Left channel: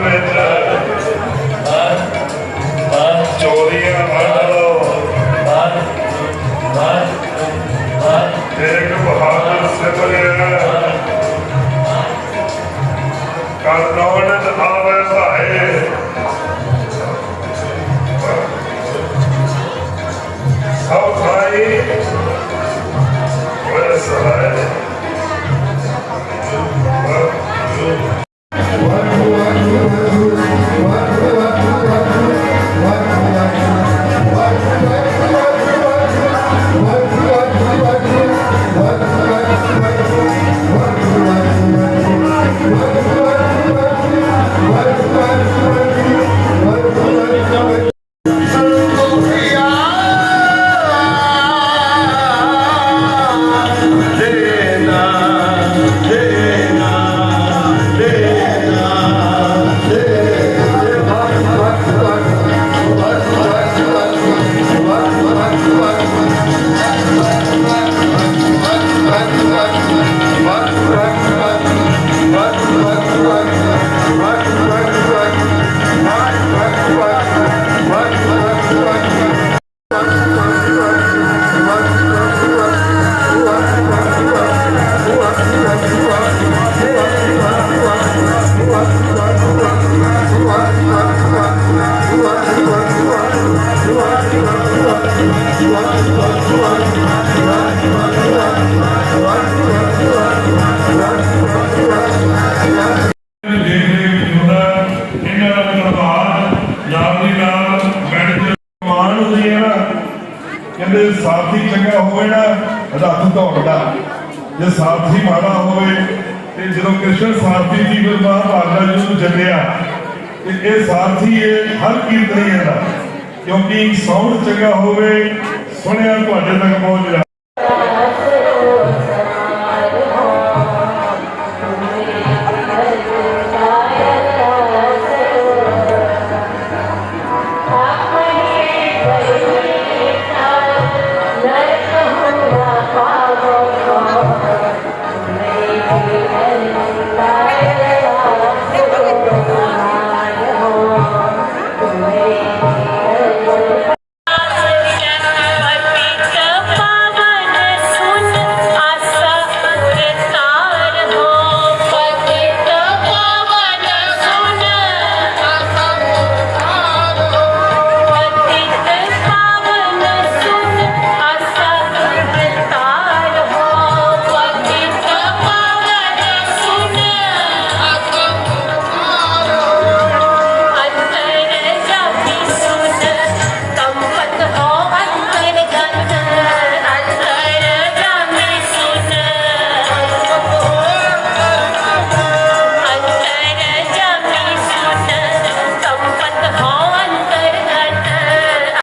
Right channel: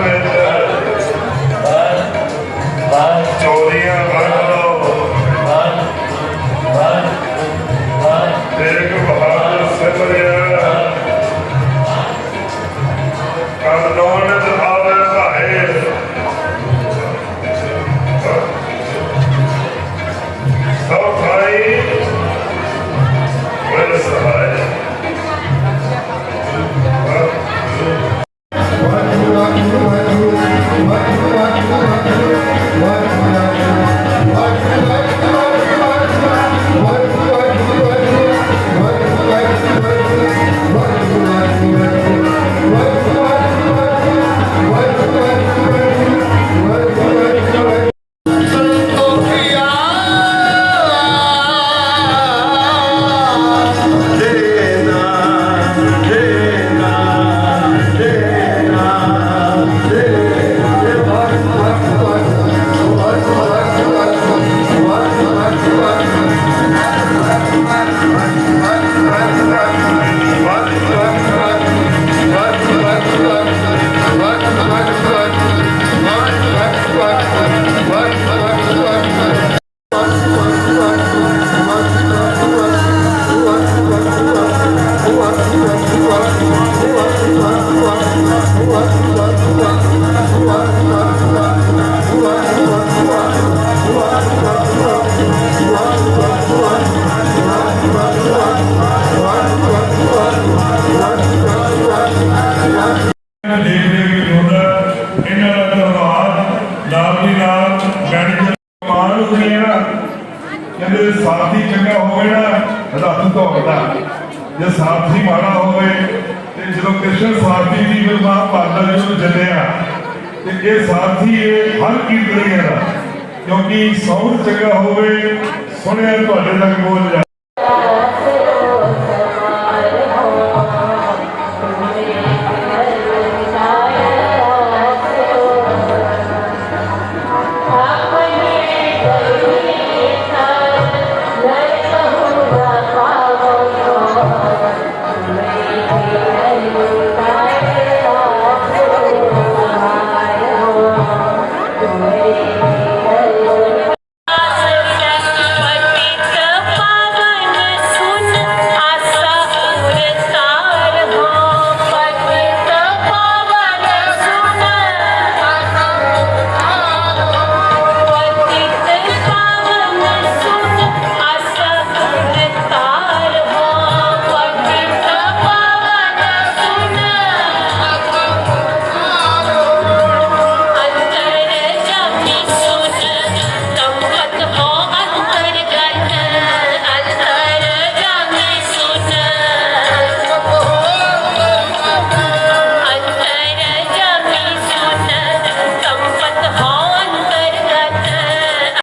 Amen. ਸਾਥੀ ਚੰਗਾ ਹੋਵੇ ਨਾ ਰੱਬ ਦੌੜਦਾ ਜੇ ਸਾਥੀ ਮਾੜਾ ਹੋਵੇ, ਤੇ ਜਦੋਂ ਕ੍ਰਿਸ਼ਨ ਸਾਥੀ ਦੀ ਫਿਰ ਮਹਾਭਾਰਤ ਜੀ ਨੂੰ ਚੱਲਿਆ ਤੇ ਇਹ ਸਾਥੀ ਇਹ ਹਰ ਕੀਰਤਨੀ ਹੈ ਕਿਉਂਕਿ ਸੌਂਦ ਚੰਗਾ ਹੋਵੇ, ਸੁਣਿਆ ਤੁਹਾਡੇ ਤੱਕ ਪਹੁੰਚ ਜਾ